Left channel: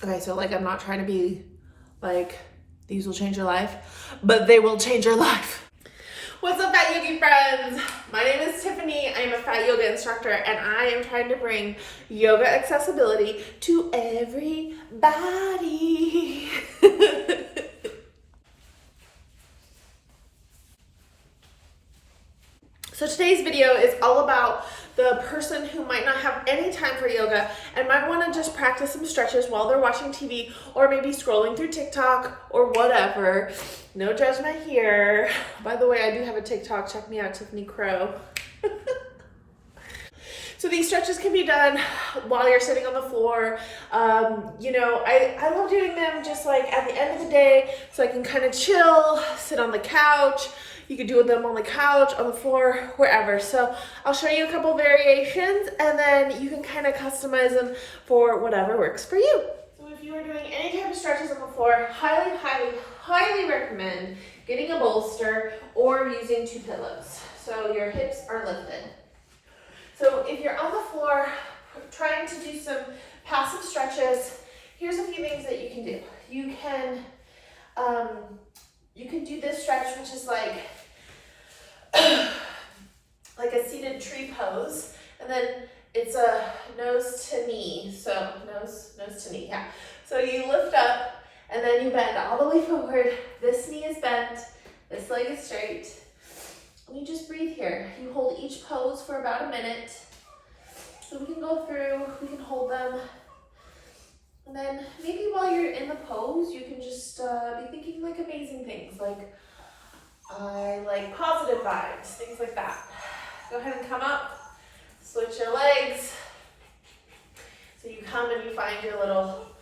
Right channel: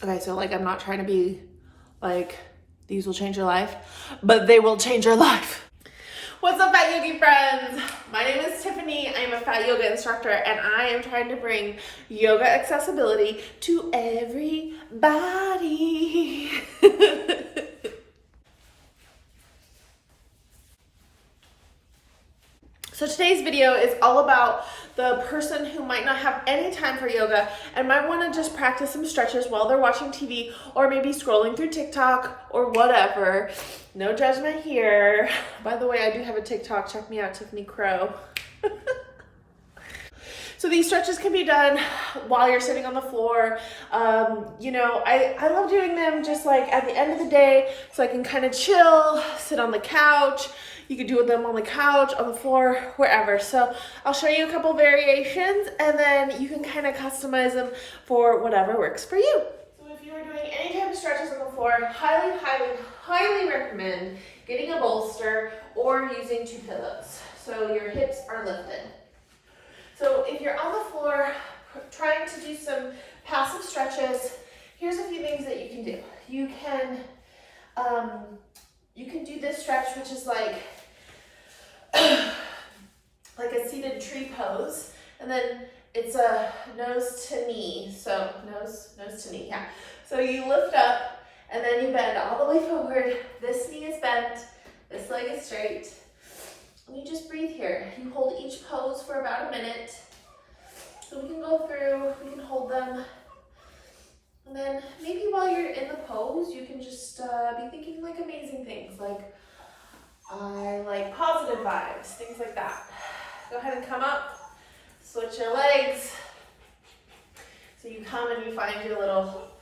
Okay, so like I'm not trying to be like these will change your life, but they will change your life. What's up, Fat Yogi friends? My name is Tiffany. I am a Fat Yoga instructor, and I am trying to bring yoga accessibility to everybody. So today's video is all about the person who might not have any time for yoga and might want to just practice some stretches while they're watching TV or maybe scrolling through TikTok or whatever. No judgment here. By the way, I do have a TikTok. Check me out, Tiffany Crow. So these stretches can be done while you're sitting on the floor. You know, I love doing them just like at the end of the day so I can kind of chill, sit on the couch. You could do them on the couch, on the floor, wherever. So I'll show you a couple variations and then you can kind of customize them for whatever works for you. So if you are doing any type of stretches on the floor, highly recommend getting a bolster or using 2 pillows so your hips are lifted. So if you're on the floor trying to do some passive stretches, here's a few things that you can do. You can do this stretch, which is like a seated tree pose, and then it's a nose to knee. So nose to knee, yeah. So you lift up and then you bend all the way forward. This knee is bent, this leg is straight. And you just breathe here. You hold each pose for about a minute. So we can go through, we can hold them. And then maybe while you're in the pose, you can just be thinking like amazing things, like I like positive vibes, things like that. Go ahead and come up, switch your legs. So you come and you find your little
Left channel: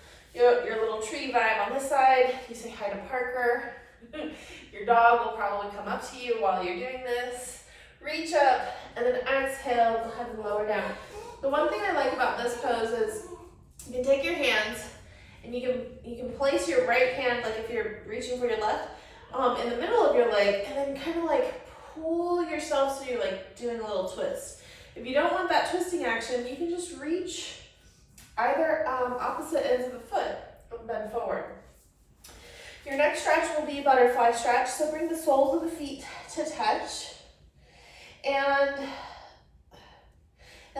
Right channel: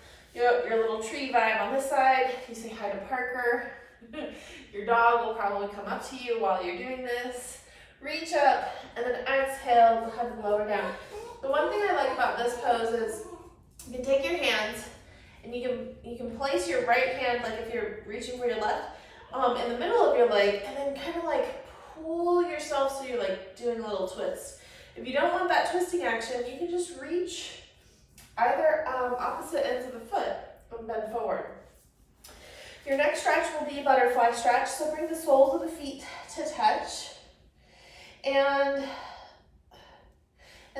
tree vibe on this side. You say hi to Parker. Your dog will probably come up to you while you're doing this. Reach up and then exhale, go ahead and lower down. The one thing I like about this pose is you can take your hands and you can place your right hand, like if you're reaching for your left, in the middle of your leg, and then kind of like pull yourself so you're like doing a little twist. If you don't want that twisting action, you can just reach either opposite ends of the foot and bend forward. Your next stretch will be butterfly stretch, so bring the soles of the feet to touch. And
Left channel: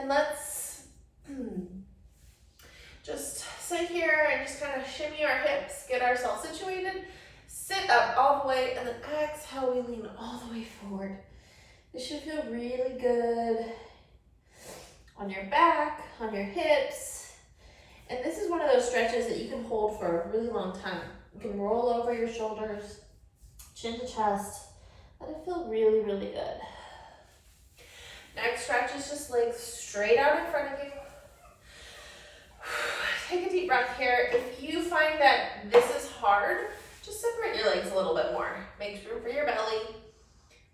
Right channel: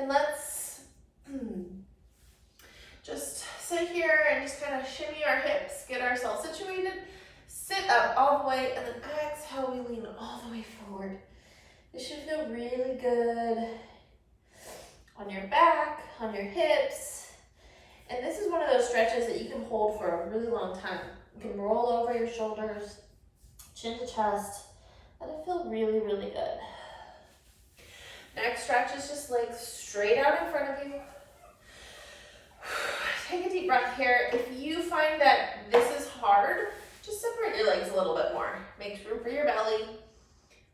let's just sit here and just kind of shimmy our hips, get ourselves situated, sit up all the way, and then exhale, we lean all the way forward. This should feel really good on your back, on your hips. And this is one of those stretches that you can hold for a really long time. You can roll over your shoulders, chin to chest. Let it feel really, really good. Next stretch is just legs straight out in front of you. Take a deep breath here. If you find that this is hard, just separate your legs a little bit more. Make room for your belly.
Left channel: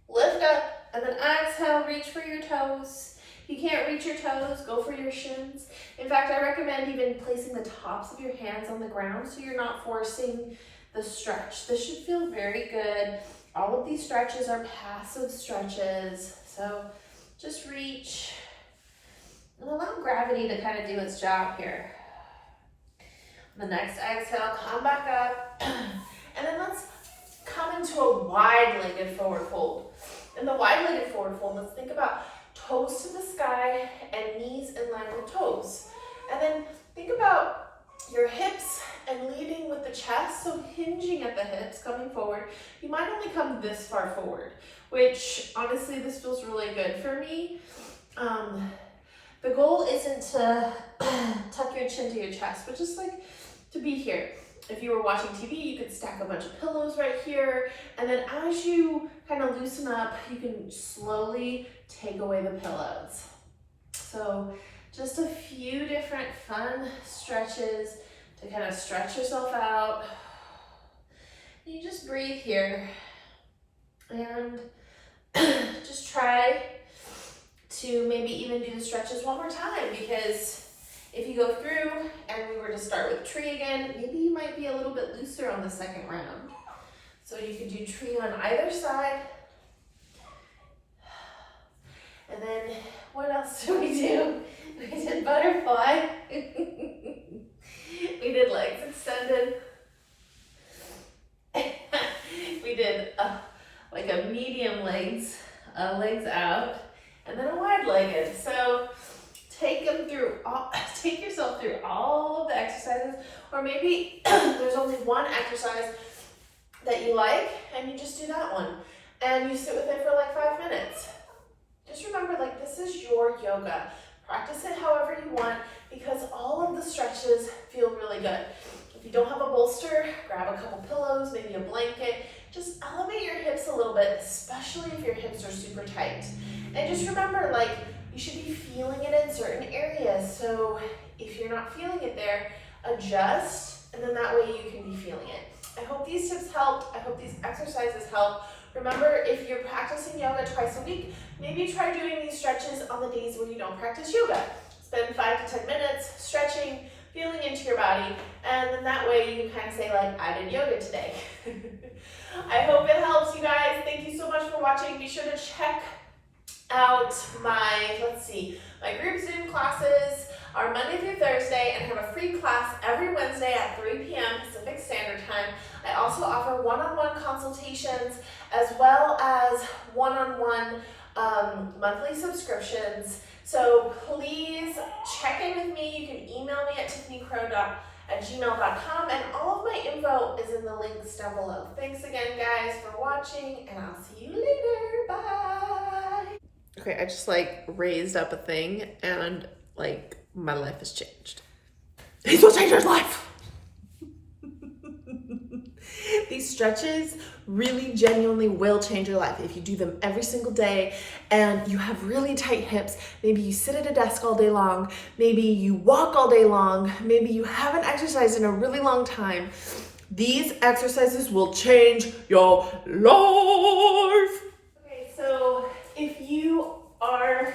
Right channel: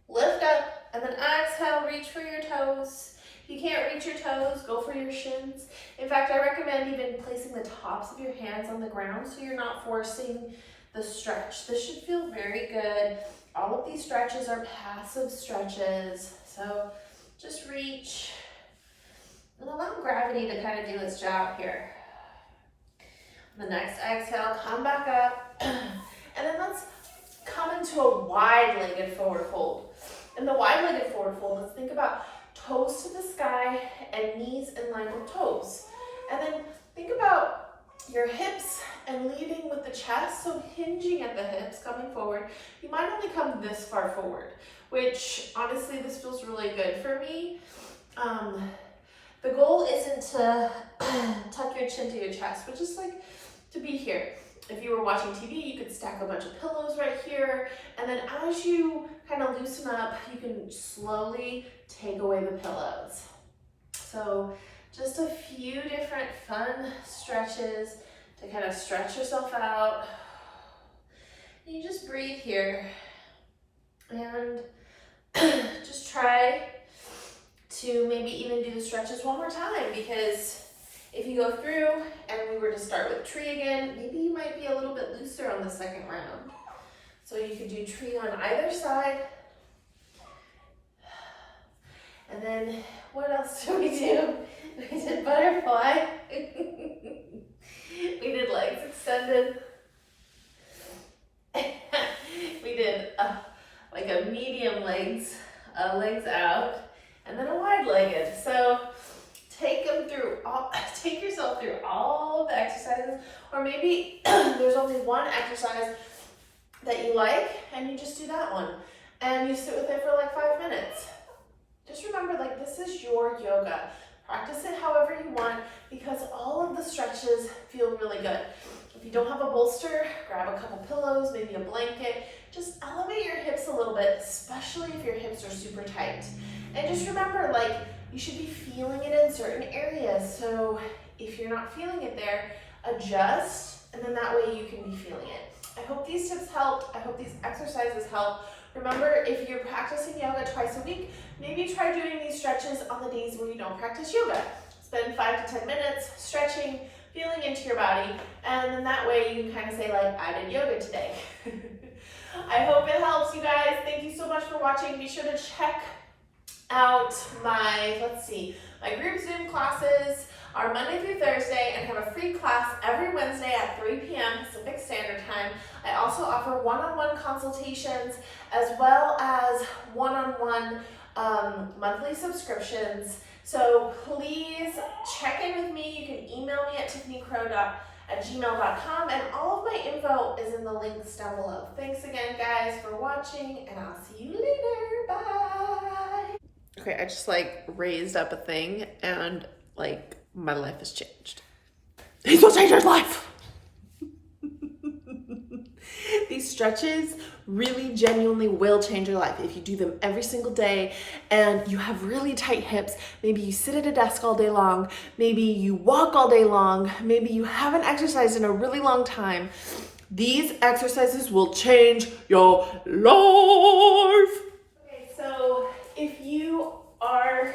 Lift up and then exhale, reach for your toes. If you can't reach your toes, go for your shins. In fact, I recommend even placing the tops of your hands on the ground so you're not forcing the stretch. This should feel very good. All of these stretches are passive stretches. So just reach and allow gravity to kind of do its job here. The next exhale, come back up. And then let's come into a wide-legged forward fold. In the wide-legged forward fold, let's think about toes to the sky and knees in line with toes. And then think about your hips and leading with the chest, so hinging at the hips, coming forward. You might only come this far forward, which honestly, this feels really good for me. The goal isn't to tuck your chin to your chest, but just like to be here. If you were watching TV, you could stack a bunch of pillows right here. And then as you kind of loosen up, you can slowly take away the pillows. So just a few different fun stretches to kind of stretch yourself out. And you just breathe here. And just try to maybe even do the stretches one more time, because if you go through and we were to start with tree again, maybe you might be a little bit looser on the second round. So you could do tree on either side. And then what else did we do? We did butterfly. We did legs extended. We did like a medium legs out, and then a wide legged. So take yourself through all of the exercises, or maybe there's only one exercise that you like and you just do that one and you sit with it for like 5 minutes. Just remember, like, this is your yoga. Practice it however you want, because all of the stretches feel really good. If you don't have a bolster, grab a couple pillows, maybe a blanket. Just elevate your hips a little bit, especially if your hips are super tight. And just remember, like, you should be feeling it in certain areas. So if you're not feeling it there, adjust, and then that way you can be feeling it. I hope these tips helped. I hope these exercises help. Remember, if you're practicing yoga twice a week, maybe try doing these stretches on the days when you don't practice yoga. Spend 5 to 10 minutes stretching, feeling into your body, and then that way you can kind of say, like, I did yoga today. I hope it helps, you guys. Thank you so much for watching. Be sure to check out my group Zoom classes are Monday through Thursday, and have a free class every Wednesday at 3 p.m. Pacific Standard Time. I also offer one-on-one consultations as well as one-on-one monthly subscriptions. So please check in with me. You can email me at tiffanycrow@gmail.com, and all of my info is in the links down below. Thanks again, guys, for watching, and I'll see you later. Bye. Okay, I just like raised up a thing, and like my life has changed. These will change your life. These stretches really genuinely will change your life if you do them every single day and you have really tight hips. Maybe you sit at a desk all day long, maybe you walk all day long, maybe you haven't exercised in a really long time. These exercises will change your life. Okay, so if you are